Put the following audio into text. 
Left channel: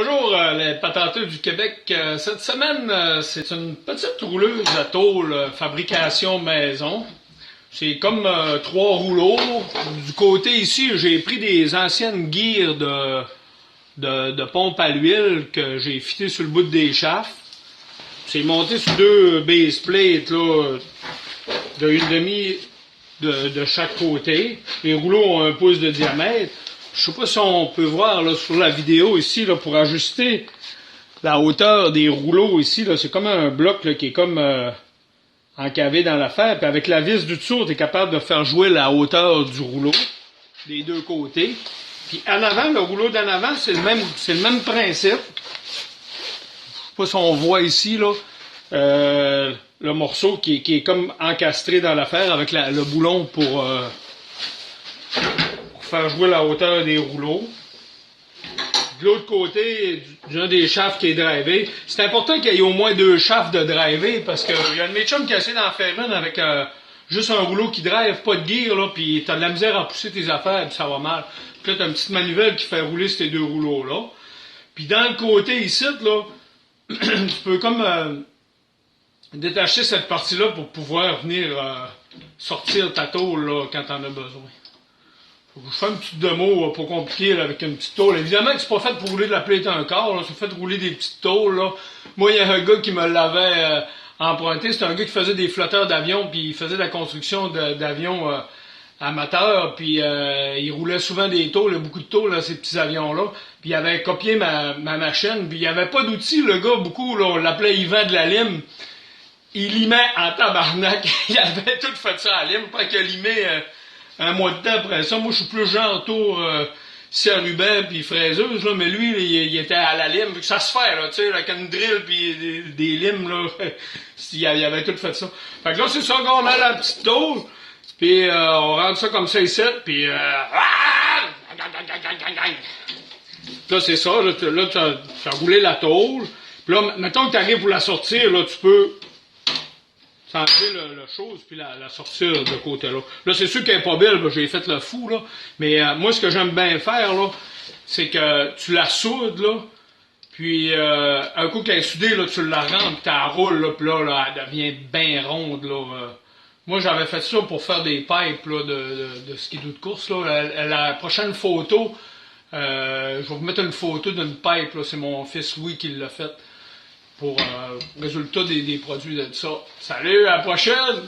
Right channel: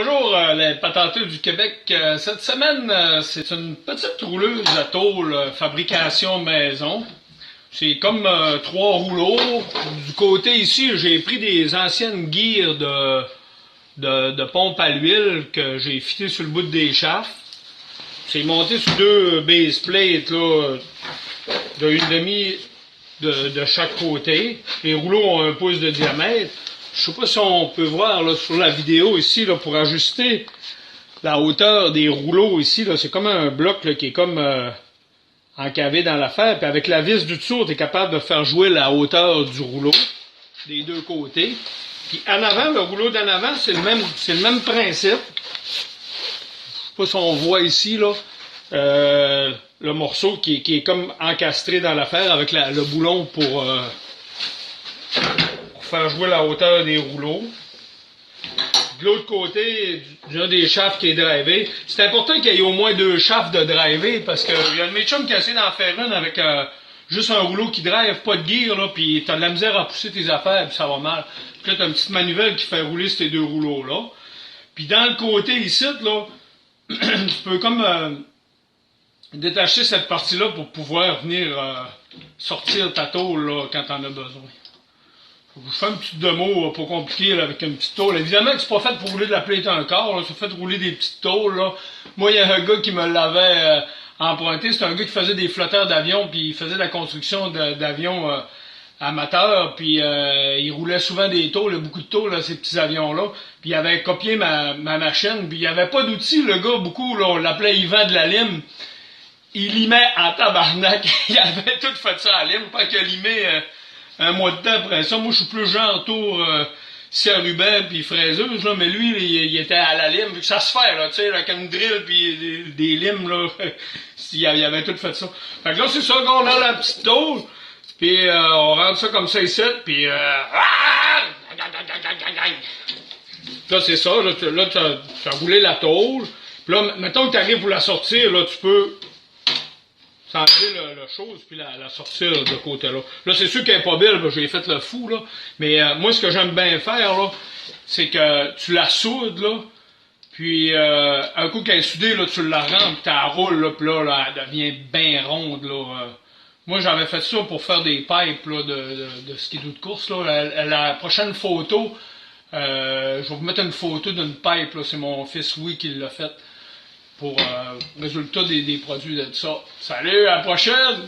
Bonjour les patateux du Québec. Cette semaine, c'est une petite rouleuse à tôle fabrication maison. C'est comme trois rouleaux. Du côté ici, j'ai pris des anciennes guires de pompe à l'huile que j'ai fitées sur le bout des shafts. C'est monté sur deux base plates là, de une demi de chaque côté. Les rouleaux ont 1 pouce de diamètre. Je sais pas si on peut voir là, sur la vidéo ici là, pour ajuster la hauteur des rouleaux ici. Là, c'est comme un bloc là, qui est comme encavé dans l'affaire. Puis avec la vis du dessous, tu es capable de faire jouer la hauteur du rouleau des deux côtés. Puis en avant, le rouleau d'en avant, c'est le même principe. Je sais pas si on voit ici là, le morceau qui est comme encastré dans l'affaire avec le boulon pour faire jouer la hauteur des rouleaux. De l'autre côté, il y a des shafts qui est drivé. C'est important qu'il y ait au moins 2 shafts de drivé parce qu'il y a un de mes chums qui a essayé d'en faire une avec juste un rouleau qui drive, pas de gear, là, puis t'as de la misère à pousser tes affaires, puis ça va mal. Puis là, t'as une petite manivelle qui fait rouler ces 2 rouleaux-là. Puis dans le côté ici, là, tu peux comme détacher cette partie-là pour pouvoir venir sortir ta tôle là, quand t'en as besoin. Je fais une petite démo pas compliquée là, avec une petite tôle. Évidemment que c'est pas fait pour rouler de la plate un quart, là, c'est fait pour rouler des petites tôles. Là. Moi, il y a un gars qui me l'avait emprunté. C'était un gars qui faisait des flotteurs d'avion, puis il faisait de la construction d'avions amateurs, puis il roulait souvent des tôles, beaucoup de tôles à ces petits avions-là. Puis il avait copié ma machine, puis il n'y avait pas d'outils, le gars, beaucoup, là, on l'appelait Yvan de la lime. Il limait en tabarnak. Il avait tout fait ça à lime, pas qu'il a limé un mois de temps après ça. Moi, je suis plus genre tour ruban puis fraiseuse, là, mais lui, il était à la lime. Ça se fait, là, tu sais, avec une drill puis des limes, là. Il avait tout fait ça. Fait que là, c'est ça, on a la petite dose, puis on rentre ça comme ça ici, puis là, c'est ça, là, t'as roulé la tôle. Puis là, mettons que t'arrives pour la sortir, là, tu peux enlever la chose puis la sortir de côté-là. Là, c'est sûr qu'elle est pas belle, là, j'ai fait le fou, là. Mais moi, ce que j'aime bien faire, là, c'est que tu la soudes, là, puis un coup qu'elle est soudée, là, tu la rentres, tu la roules, là, puis là, elle devient bien ronde, là. Moi, j'avais fait ça pour faire des pipes, là, de skidoo de course, là. La prochaine photo, je vais vous mettre une photo d'une pipe, là. C'est mon fils Louis qui l'a fait. Pour résultat des produits de ça. Salut, à la prochaine!